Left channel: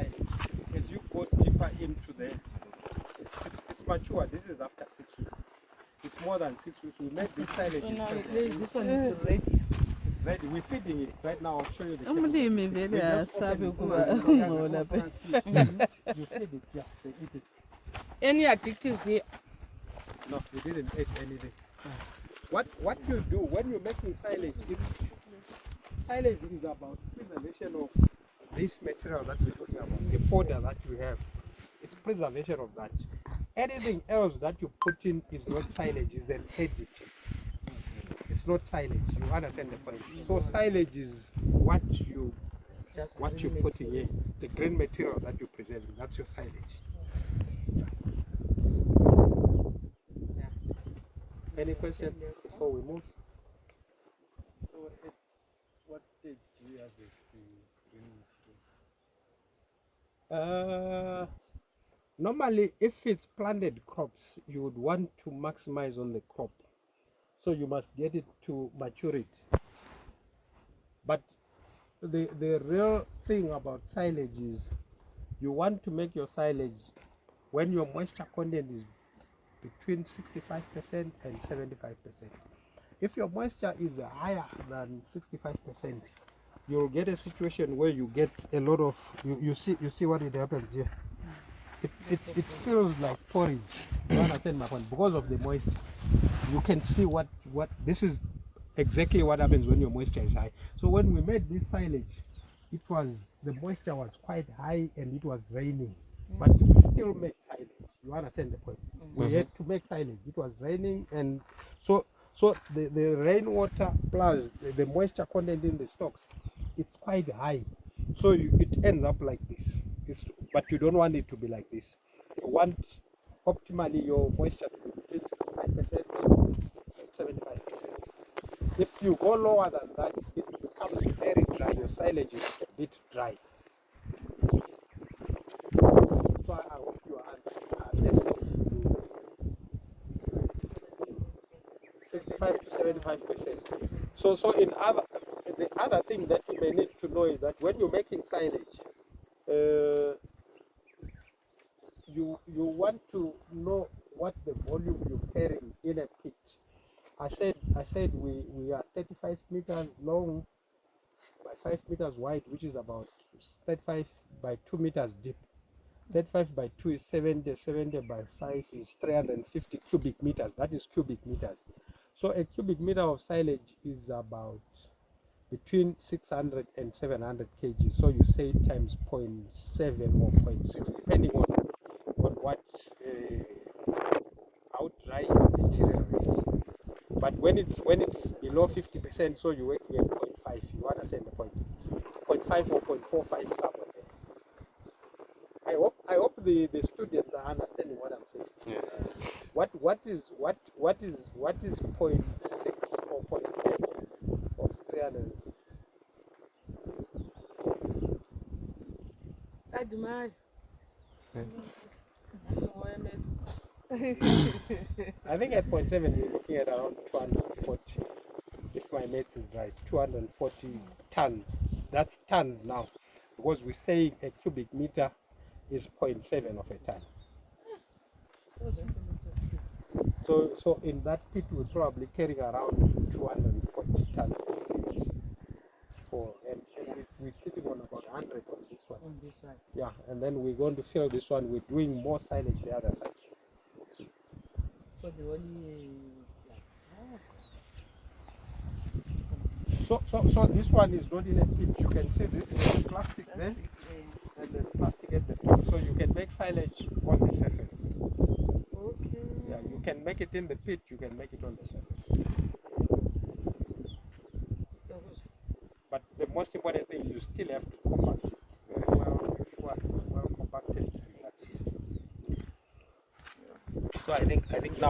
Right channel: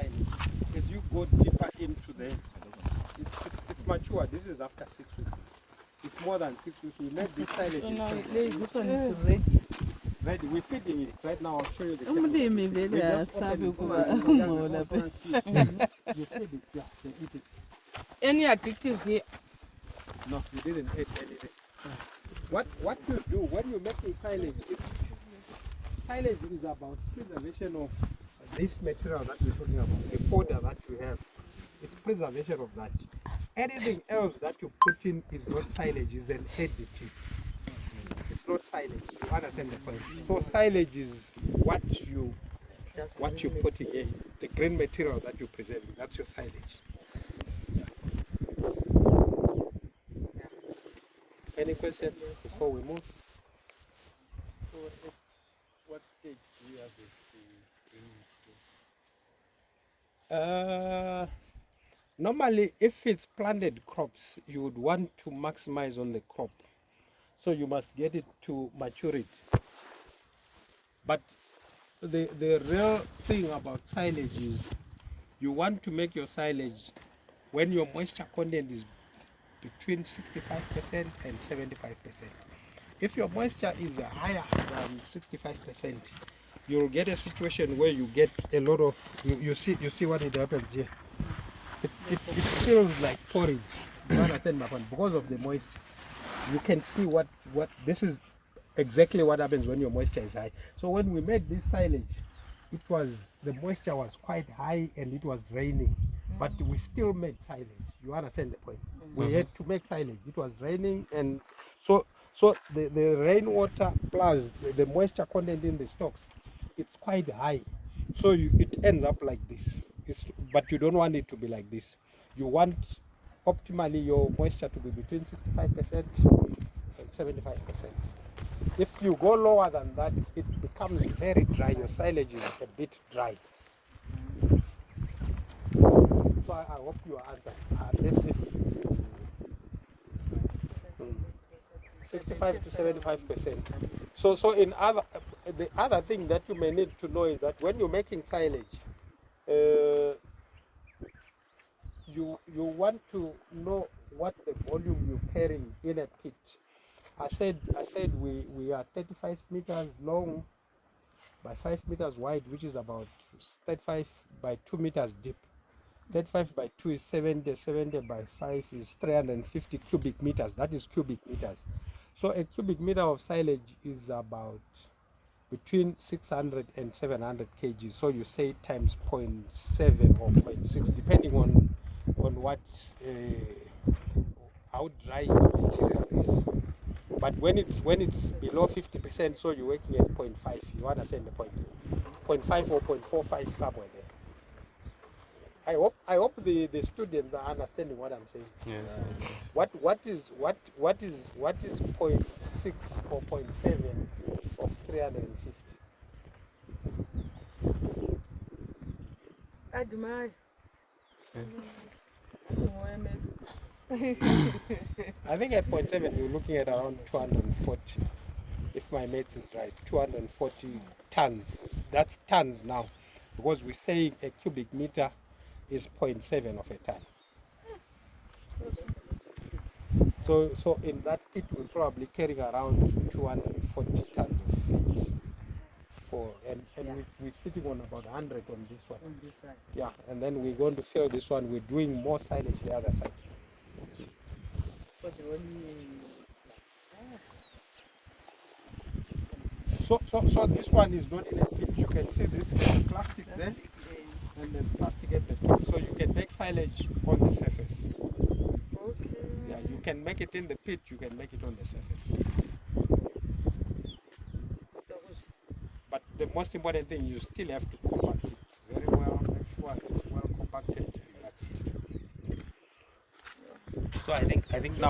silage. As you go deeper into the, it's mature. This is after 6 weeks. It's more than 6 weeks. We made this silage. So now this one is ready. It's ready. We're feeding it right now. I'll show you the Umlimi technique. vele We just asabe open ukuba it. ungcola phe. You feed it, yeah, they eat it. Any additives here? No, we didn't eat anything. What you do when you're making silage, silage is about preservation of this material that we're talking about, the fodder that we have. It's preservation of that. Anything else that you put in is not silage, is an additive. It's not silage. You understand the point? So silage is what you put in, the green material that you present. That's your silage. Any question before we move? So at what stage do you harvest the green material? Normally, if it's planted crops, you would want to maximize on the crop. So you must get it to maturity. But the real thing about silage is you want to make your silage when your moisture content is between 65% and 75%. If your moisture is higher than 65%, you'll get a situation where you get a lot of, you see what it happens here. It feels like porridge. You understand my point? Because of the moisture. You can see what this is exactly what happens when your moisture is high. So when we made this silage, the moisture was quite high and it was raining, but we still made silage. You understand the point? We had to make silage. It was raining, and so the rainwater plus the moisture content in the stocks, it's quite high. So it ends up like this. But you don't want it to be like this. You want optimally your moisture to be between 65% and 75%. If you go lower than that, it becomes very dry. Your silage is a bit dry. So I hope you answer. Let's say 65 to 75%. So the other thing that you may need to know is that when you're making silage, you want to know what the volume you're carrying in a pit. I said we are 35 meters long by 5 meters wide, which is about 35 by 2 meters deep. 35 by 2 is 70, 70 by 5 is 350 cubic meters. That is cubic meters. So a cubic meter of silage is about between 600 and 700 kg. So you say times 0.7 or 0.6, depending on what how dry your material is. But when it's below 50%, so you're working at 0.5. You understand the point? 0.5 or 0.45 somewhere there. I hope the students are understanding what I'm saying. Yes. What is 0.6 or 0.7 of 350? Admire. I think at 0.7 you're looking at around 240, if my maths is right, 240 tons. That's tons now, because we're saying a cubic meter is 0.7 of a ton. So in that pit we're probably carrying around 240 tons of feed. We're sitting on about 100 on this one. On this side. Yeah, and then we're going to fill this one. We're doing more silage the other side. But the only So this one is not in a pit. You can see this plastic there, and there's plastic at the top. So you can make silage on the surface. okay. Yeah, you can make it in the pit. You can make it on the surface. But the most important thing, you still have to compact it very well. Make sure it's well compacted, and that's it. So I think now.